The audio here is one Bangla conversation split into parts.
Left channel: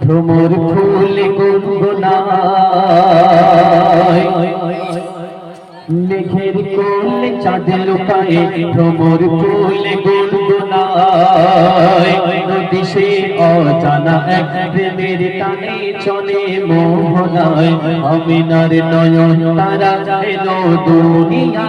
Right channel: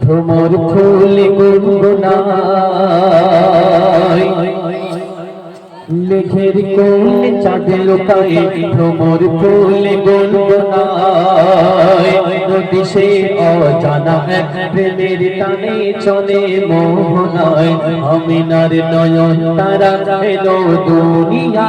ভ্রমর ফুলে গুনগুনায় লেখের কোল চাঁদ লুকায় ভ্রমর ফুলে গুনগুনায় দিশে অজানা এক প্রেমের টানে চলে মোহনায়। আমিনার নয়ন তারা এলো দুনিয়া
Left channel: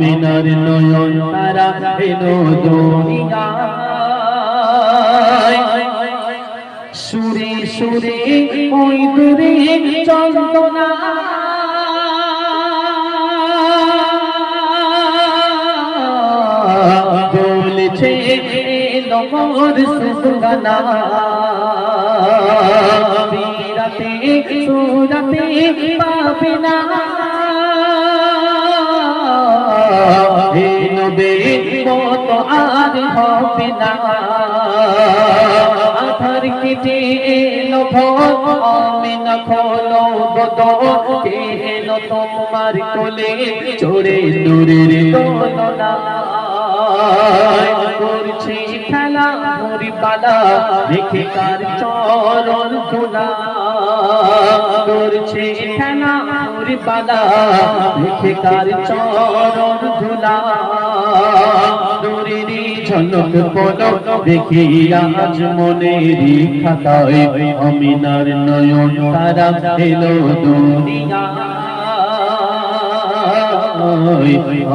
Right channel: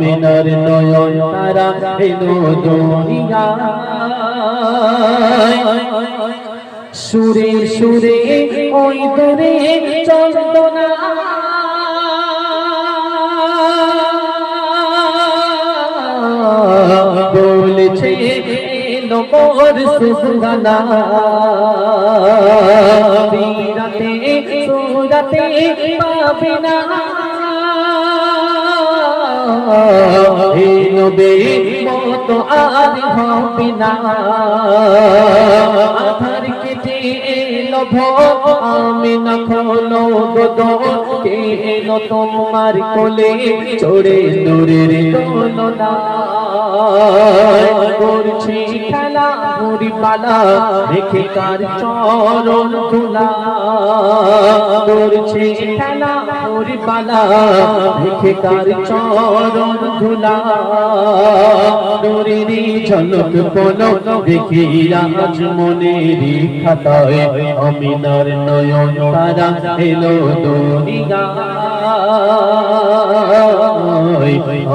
আমিনার নয়ন তারা এলো সুরে সুরে ওই দূরে চন্দনা বলছে নমর সুগানা। বিরাতে, সুরাতে পাবিনা নবে মত আর হবে না। আধার কেটে এলো ভোগ আমি না খলো বদ কে এলো তোমার কোলে চড়ে দূরের তোলনা করছি খেলা পালা দেখে কার চরণ ধুলা। করছি খেলা মুড়ি পালা, দেখে চরণ ধুলা। দরিরি ঝলক পলো দেখি আজ মনেরি খাতায়, অমিনার নয়ন তারা এলো দুনিয়া।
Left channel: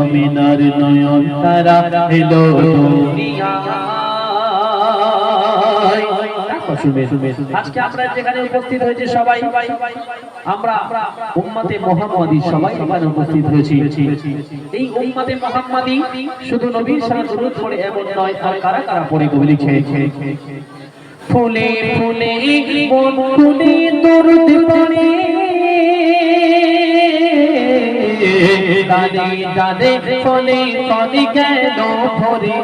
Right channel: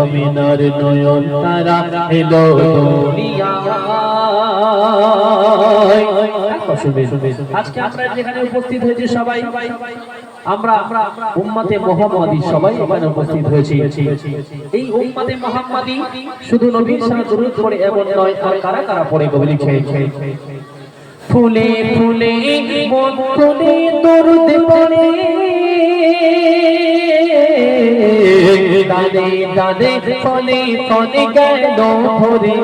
অমিনার নয়ন তারা এলো এই উম্মাতে মোহাম্মদী শুধু নবীর সাথে দুরূদ পড়ে এমন নয় ফুলে ফুলে দাদে দাদে, ফলে ফলে গেল ভরে?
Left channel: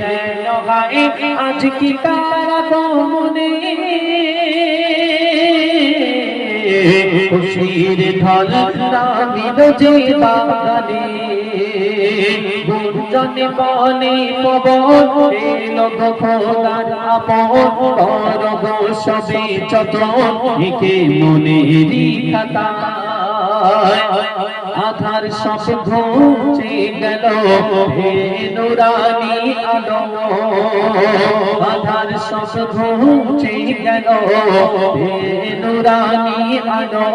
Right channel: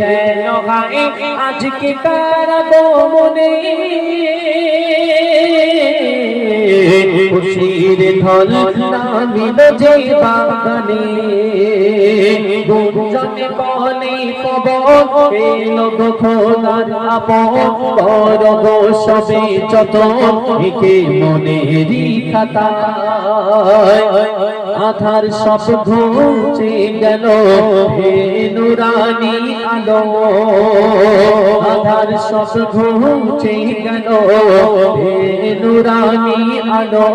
কেন গায়ে আজকে তারা মনে খুশির নামিল যে বাগানে। গুঞ্জনে বনে পব, এলো সবে যত, একে খাতা। আধার সব ঘুচে গেল হে নুরানি আলো। আধার সব ঘুচে গেল হে নুরানি আলো।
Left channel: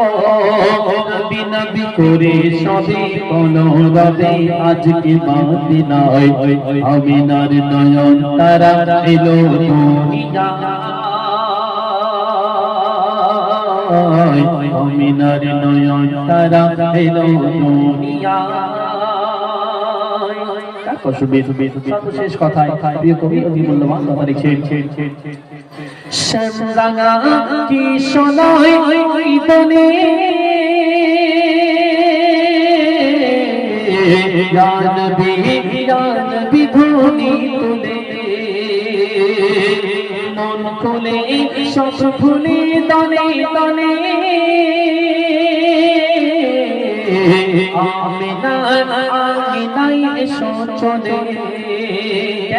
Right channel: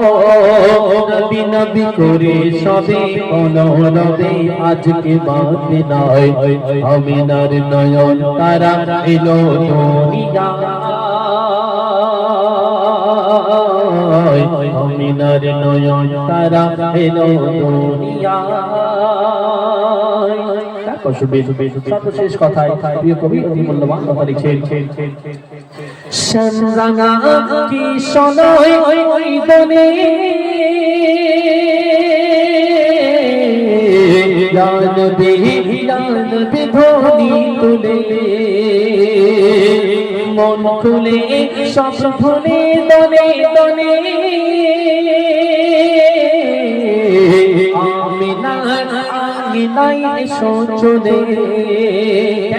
নবী নবী করে সবে অনুরদে আজকে বাতি নয়, আমিনার নয়ন তারা এলো দুনিয়া। আমিনার নয়ন তারা এলো দুনিয়া সর্বশেষ কথায় প্রিয় কবি অতি মূল্যবান কথা লিখছেন। মন খুলে সব খুলে দনে দনে। আমি না আমি নাই এসো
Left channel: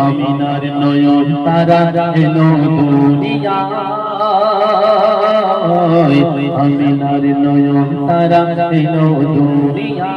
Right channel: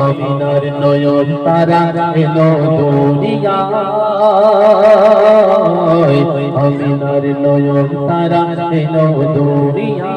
আমিনার নয়ন তারা এলো দুনিয়া আমিনার নয়ন তারা এলো দুনিয়া